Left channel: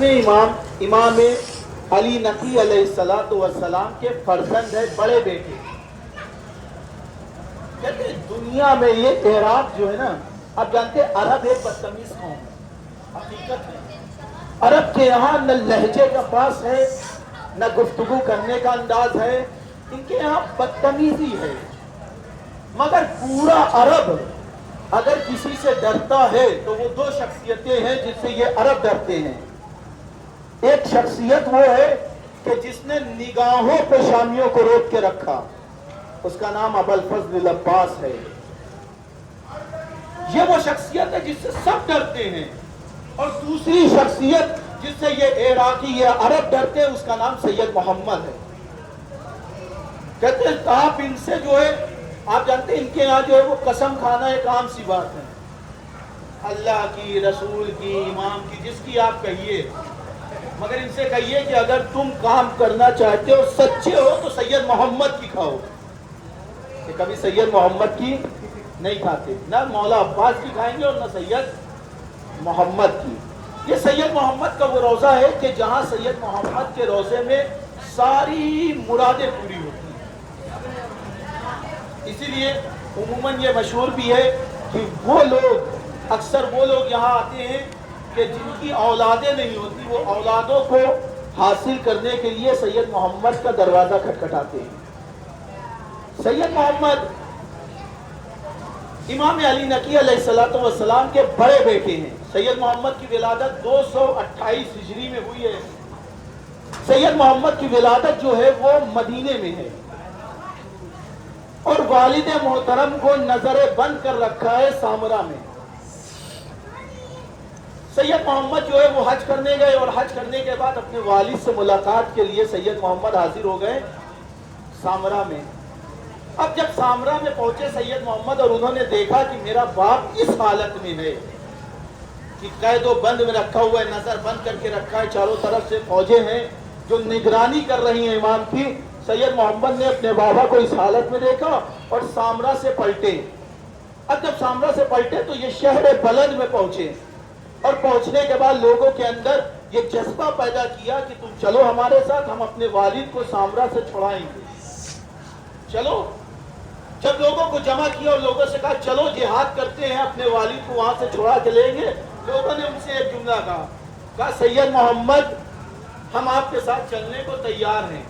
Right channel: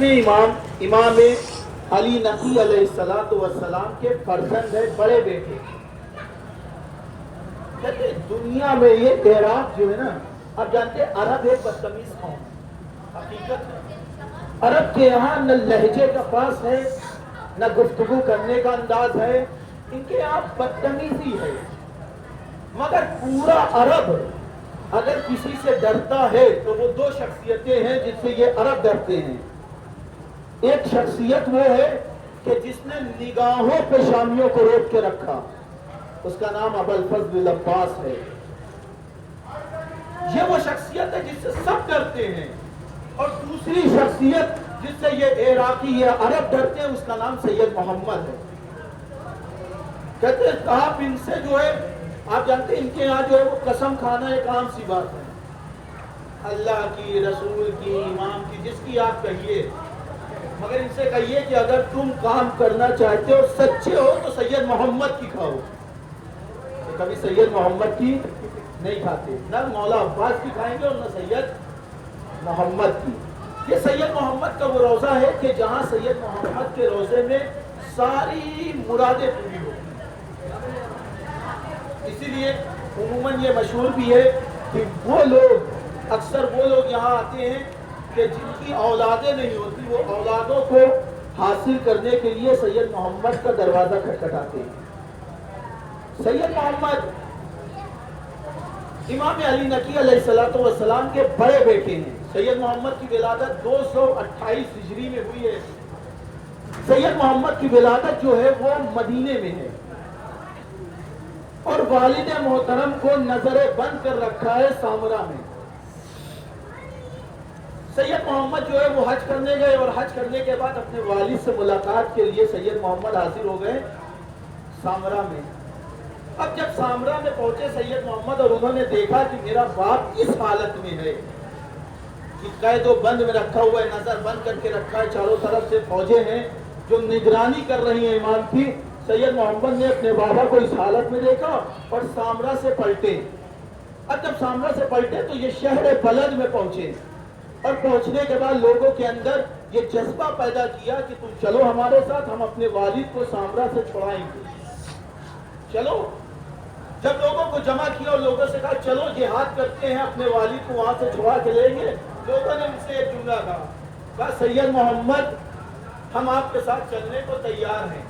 10ویں امام امام علی نقی علیہ السلام کے فرزند ہے، بڑے بیٹے. کہتے ہیں دنیا میں یہ اعراب جو ہے نا، آپ جانتے ہیں عرب ایک بدتمیز قوم ہے، حقیقت ہے. عرب کے یہاں نہ لہجے کا پاس ہے، نہ گفتگو کرنے کا انداز ہے، ان کے یہاں بدتمیزی ہے. مگر پورا عرب اگر کسی سے ڈرتا ہے تو وہ دو شخصیتیں ہیں جن سے یہ عرب ڈرتے ہیں. ایک شخصیت وہ ہے کہ جس نے نگاہوں پہ شامیوں کو روک کے رکھا، اس کا نام ابوالفضل العباس ہے. یہ وہ شخصیت ہے جس سے سب ڈرتے ہیں. اور دوسری شخصیت جس سے یہ عراقی یہ عرب ڈرتے ہیں، اس کا نام سید محمد ہے. کہتے ہیں آپ ان سے جو ہے، آپ جانتے ہیں ان کے یہاں جو ہے وہ قسم کھانا ایک عام سی بات ہے، اللہ کی، رسول کی، امام کی، جس کی آپ کہیے. مگر ان سے کہیے کہ اگر تم کام کرنا چاہتے ہو، سچے ہو، تو سید محمد کی کھاؤ. کہ کبھی سید محمد کی نہیں کھاتے، نہ مولا عباس کی کھائیں گے اور نہ سید محمد کی. یہ سید محمد کا وہ روضہ ہے کہ جہاں سید محمد کے روضے میں ساری مرادیں پوری ہوتی ہیں. اسی لیے عموماً یہ مشہور بھی ہے کہ وہ لوگ، اکثر وہ لوگ یہاں آتے ہیں کہ جن کی اولادیں نہیں ہوتی، وہ اولادوں کو حاصل کرنے کے لیے سید محمد کا دروازہ کھٹکھٹاتے ہیں. سید محمد امام علی نقی علیہ السلام کے بڑے بیٹے ہیں. سید محمد کی ولادت 228 ہجری میں ہوئی ہے. سید محمد کی ولادت جو ہے وہ مدینے میں ہے، اور والد محترم کو نظر بند کر رکھا ہے سامرا میں. سید محمد جو ہے وہ حج کرنے گئے، اور حج کرنے کے بعد اپنے والد سے ملاقات کے لیے سید محمد حاضر ہو گئے سامرا میں. اب جب سامرا میں پہنچے سید محمد اور انہوں نے دیکھا کہ میرا باپ اس حالت میں ہے کہ قید و بند میں رکھا ہوا ہے، نظر بند کر کے رکھا ہے، چاروں طرف سے فوجیں ہیں جو نگرانی کر رہی ہیں امام کی. سید محمد نے اپنے بابا کو اس حالت میں دیکھا اور سامرا سے پلٹے. اب جب سامرا سے پلٹے تو یہ شہر بلد میں پہنچے، اور پہنچنے کے بعد لوگوں کے اندر یہ جذبہ پیدا کیا کہ تم چلو ہمارے ساتھ، ہم اپنے والد کو سامرا سے چھڑائیں گے. چلو. جب لوگوں کو جمع کیا اور لوگوں سے کہا چلو جہاد کرتے ہیں، اپنے والد کو وہاں سے چھڑا کے لیں گے، لوگوں نے ان سے ایک جملہ کہا سید محمد ہم آپ کے ساتھ چلنے کو تیار ہیں،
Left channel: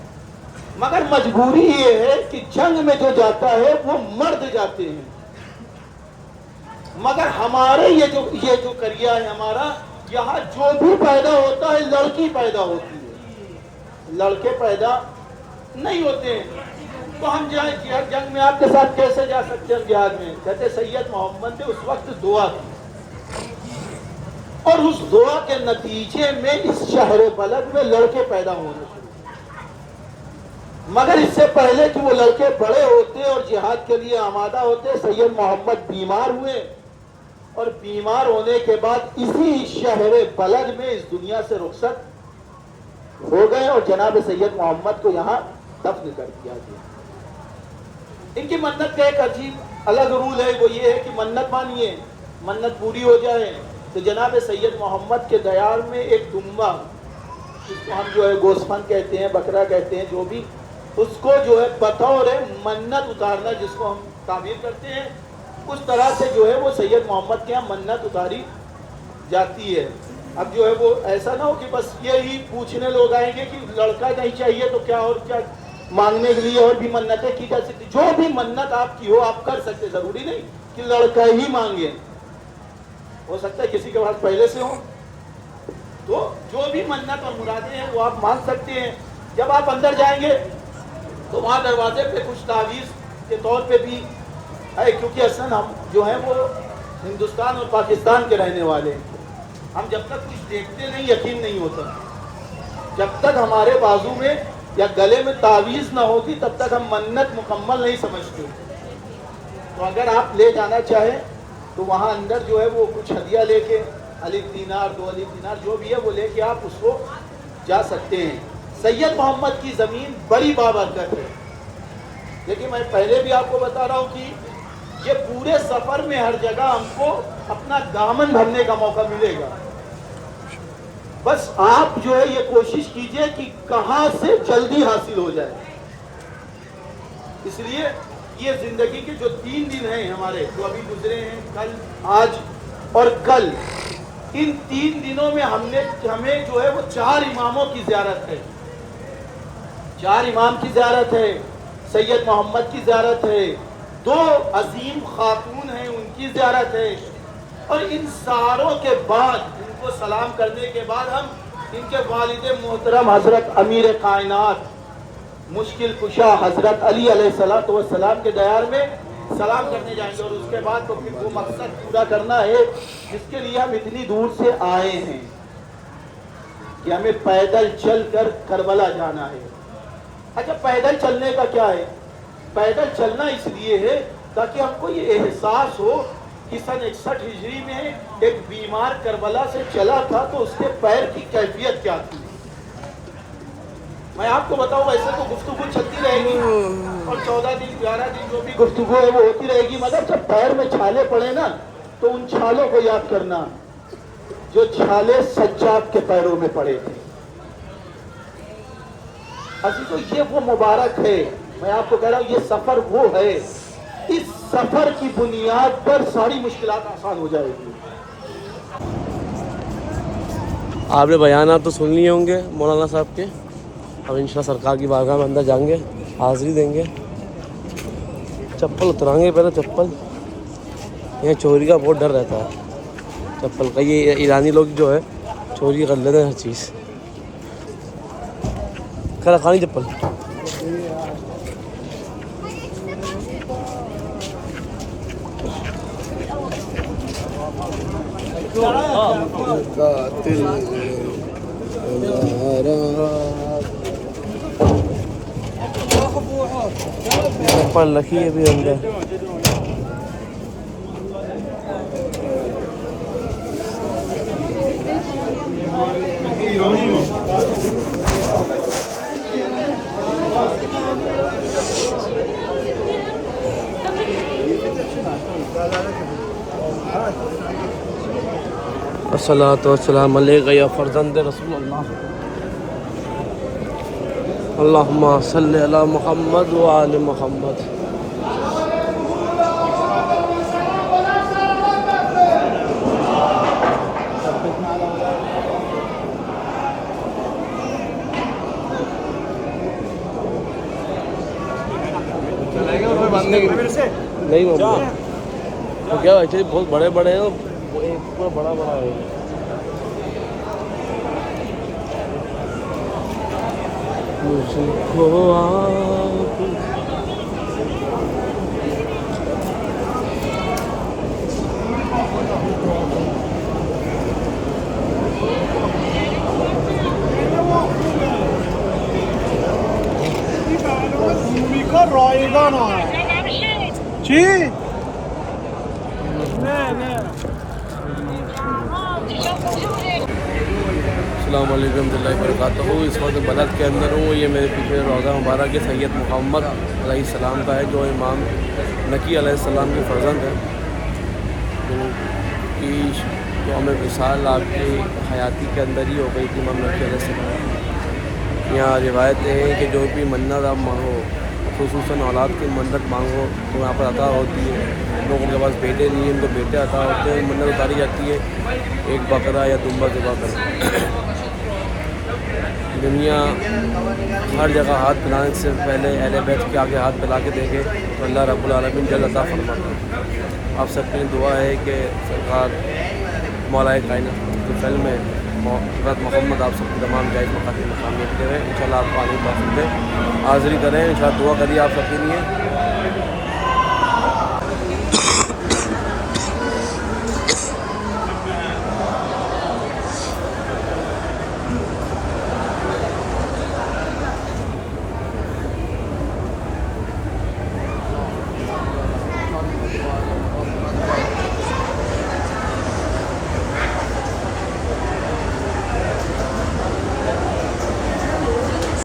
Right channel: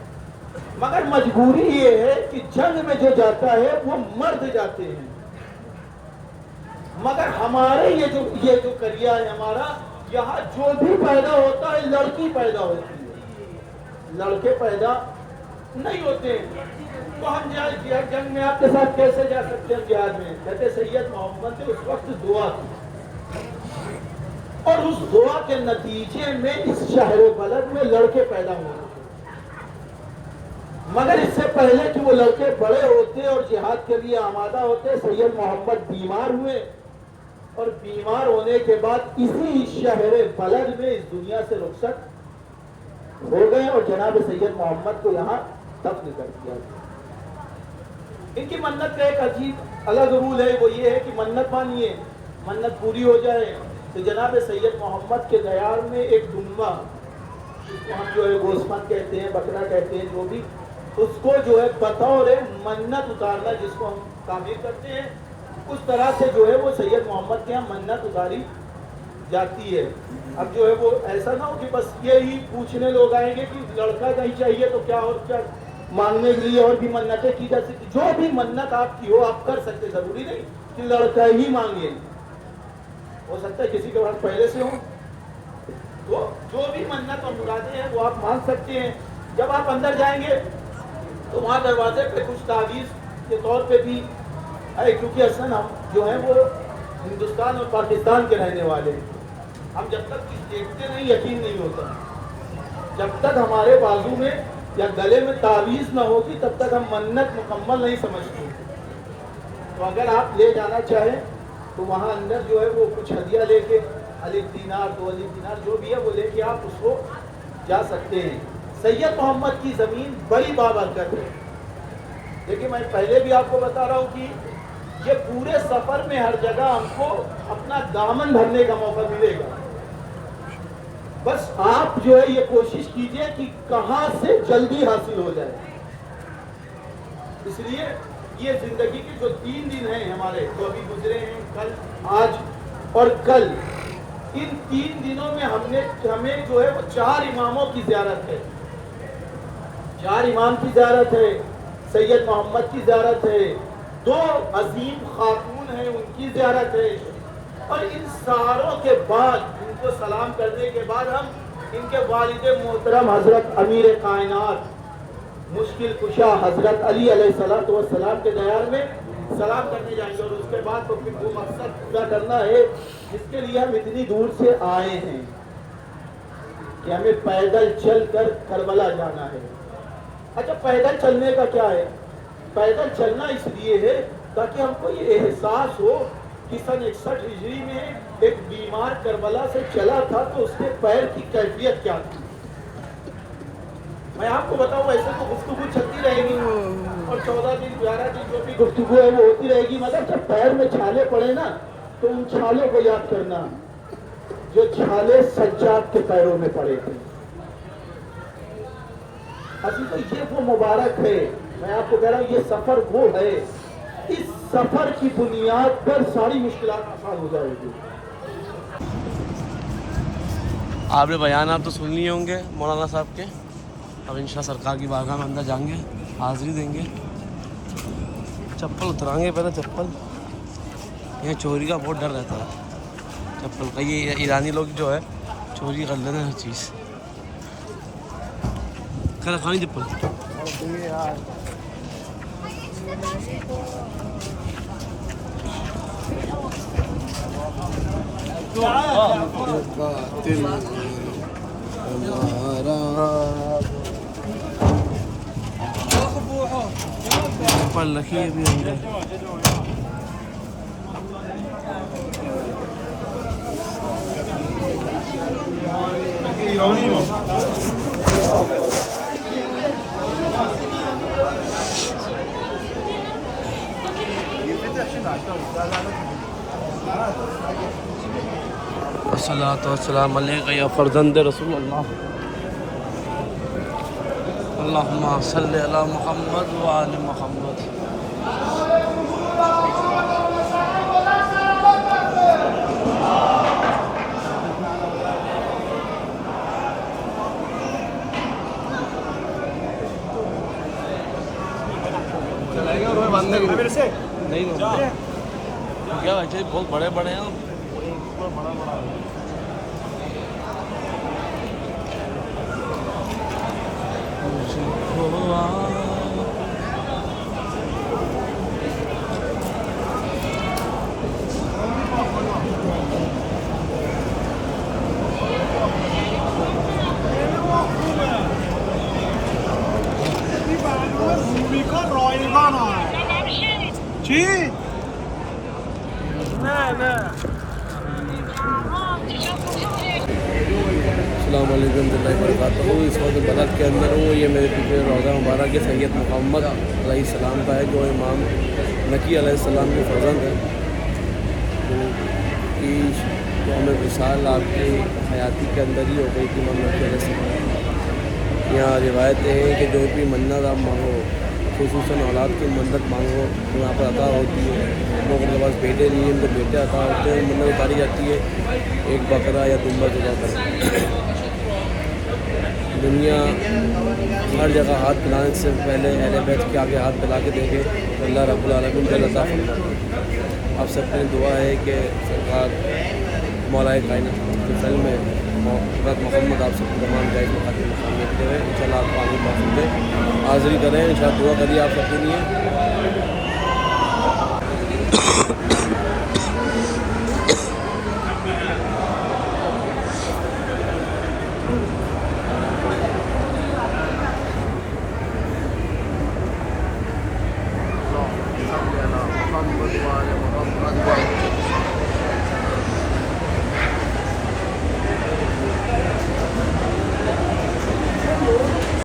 مگر مجبوری یہ ہے کہ جنگ میں جو جاتا ہے وہ مرد جاتے ہیں، مگر ہمارے یہ جو کریا ہے ہمارا، یہاں جو بھی پیدا ہوتا ہے لڑکی پیدا ہوتی ہے، لڑکے پیدا نہیں ہوتے ہیں. تو ہم جائیں جنگ میں آپ کے ساتھ کیسے جا سکتے ہیں جہاد میں؟ کہتے سید محمد نے اس وقت دعا کی، اور اس دعا کے نتیجے میں اس شہر بلد میں لڑکے پیدا ہونا شروع. مگر اس سے پہلے کہ وہ لڑکے بڑے ہوتے اور جہاد کے لیے آمادہ ہوتے، سید محمد بیمار ہوئے، اور بیمار ہونے کے بعد اسی شہر بلد میں اس دنیا سے رخصت ہو گئے، اور جناب سید محمد کو یہاں دفن کر دیا گیا. ان کی منت کا ایک عجیب الگ رول ہے، وہ یہ ہے کہ منت مانیے، منت پوری ہو جائے تو جناب سید محمد کے دیار میں ایک دمبا، جس کو ہم جو ہے گوسفند کہتے ہیں، بکرا کہتے ہیں، جو بھی، اس کو جو ہے بطور منت اتارنا، جس کو ہم تعبیر کرتے ہیں، اس طرح سے جو ہے وہ سید محمد کے یہاں منت اتاری جاتی ہے. اب جو ہے وہ ایسا نہ ہو کہ بس یہی پوچھنے لوگ آئیں گے کہ لڑکا نہیں چاہیے تو کیا اور کیا مانگنے کے لیے اور بھی منتیں کی جا سکتی. جو بھی منت آپ کی ہو آپ کر سکتے، ضروری نہیں کہ لڑکا ہی مانگے، ہو سکتا ہے کسی کے پاس پہلے سے ہو. تو جو بھی منت اور مرادیں ہیں وہ آپ مانگ سکتے ہیں. جب آپ اندر جائیں گے تو وہاں دروازے پہ کچھ تعویذ کے طور پہ بھی ہے، کیونکہ اصلاً ہم جو ہیں وہ ہندوستان اور پاکستان کے رہنے والے ہیں. ہم جب تک کچھ دیکھتے نہیں یقین نہیں ہوتا، جب تک ہمارے بازو میں یا گلے میں تعویذ نہ ہوگی تب تک ہم منت مکمل نہیں سمجھتے. تو اگر آپ لے جانا چاہیں تو وہاں اندر جو ہے وہ کچھ ہدیہ لے کے، الف دینار، 2 الف دینار جو بھی ہے وہ لے کے آپ اس کو جا سکتے ہیں. سید محمد کی زمین بڑی بابرکت ہے، لیکن میں پہلے بھی آپ کو بتا رہا ہوں کہ یہ پورے سفر میں ہر جگہ ہم کو اپنا دامن بھرنے کا موقع ملے گا. بس آپ جو ہے یہ کوشش کیجئے کہ کہاں سے جلدی حاصل ہو جائے. اس لیے یہ زندگی کے جو 3 دن ہیں ہمارے جو ابھی گزرے ہیں، کل، آج اور کل، ان 3 دنوں میں ہمیں جو ہے وہ 4 اماموں کی زیارت ہے. 4 امام کی زیارت ہے، سید محمد کی زیارت ہے، 2 عظیم خاتون ہیں ان کی زیارت ہے، اور ان ساروں کے بعد ان کو سلام کرنے کے بعد ہم ان کے والد محترم حضرت امیر کائنات مشکل کشا حضرت علی علیہ السلام کے دیار میں سلام کرنے جائیں گے. اور اس کے بعد تو پھر وہ مقصد پورا کرنا ہے جس کے لیے ہم اتنی دور سے آئے ہیں کہ ہمیں پیدل چل کر کربلا جانا ہے. اچھا، پیدل چلنے کا کیا ہے؟ پیدل چلنا اس لیے ہے تاکہ ہم کو یہ احساس ہو کہ سن 61 ہجری میں ایک بیمار کربلا سے چلا تھا تو اس کے پیر کی کیفیت کیا تھی. میں آپ کو بتاؤں، ایسے تو گفتگو چلتی رہے گی اور 14 دن 11 دن جو بھی گفتگو ہے وہ ہوتی رہے گی، مگر جب پیر میں چھالے پڑے نا تو ان چھالوں کو یاد کرنا جو چھالے سجاد کے پیروں میں پڑے تھے. عزیزو، یہ وہ مبارک ہے. میں آپ کو کہہ رہا ہوں یہ سفر وہ ہے، اس سفر کی بنیاد پر ساری مشکلات آسان ہو جائے گی. آپ نے بیانات تو سن لیے ہوں گے مولانا صاحب کے. اب انشاءاللہ سرکار کی بارگاہ میں اندر جائیں گے، حاضری دیں گے. چپل اترائیں گے پہلے. چپل یہاں چوری کا بہت ڈر رہتا ہے چپل کا. یہ ایرانی لوگ جو ہے چوری کر لیتے ہیں ہر چیز. کھانا کھانی چپل. چپل رکھی ہے بھی اندر. الصلاۃ والسلام علیک یا فرزند رسول اللہ. اللہم صلی علی محمد و آل محمد. نہیں کیا بہت بڑے بڑے ہیں، اتنا بڑا بڑا ہے. السلام علیکم ورحمۃ اللہ وبرکاتہ. اس وقت بلد کے اندر ہوں. یہ میرے پیچھے روضہ مبارک سید محمد علیہ السلام کا ہے جو امام نقی علیہ السلام کی فرزند ہے، کی یوم وصال آپ کی حیاتی کے اندر ہی ہو گئی تھی امام نقی علیہ السلام. یہاں روایتیں ہیں کہ جو بھی منت آپ مانگو، خصوصاً اولاد کی منت مانگو تو یہاں پر عطا ہوتی ہے. لوگوں کے پاس بیٹے نہیں ہیں ان کو بیٹے عطا ہوتے ہیں. منت اتاری جاتی ہے ایک بکرا یا دمبا ذبح کر. دنیا ہر جگہ ہاتھ پھیلانے سے پہلے اہل بیت کے آگے ہاتھ پھیلا کے دیکھے تو اللہ رب العالمین جل عطا فرماتا ہے. آپ سب کے لیے دعا ہے کہ سرکار مولا کائنات کی فلم میں حضرت محمد آپ سب کے تمام جائز مقاصد مقام رکھتے ہوئے انشاءاللہ آپ کو آگے بات دیں، حاضری کریں. انشاءاللہ دعا کریے آپ سب کے لیے.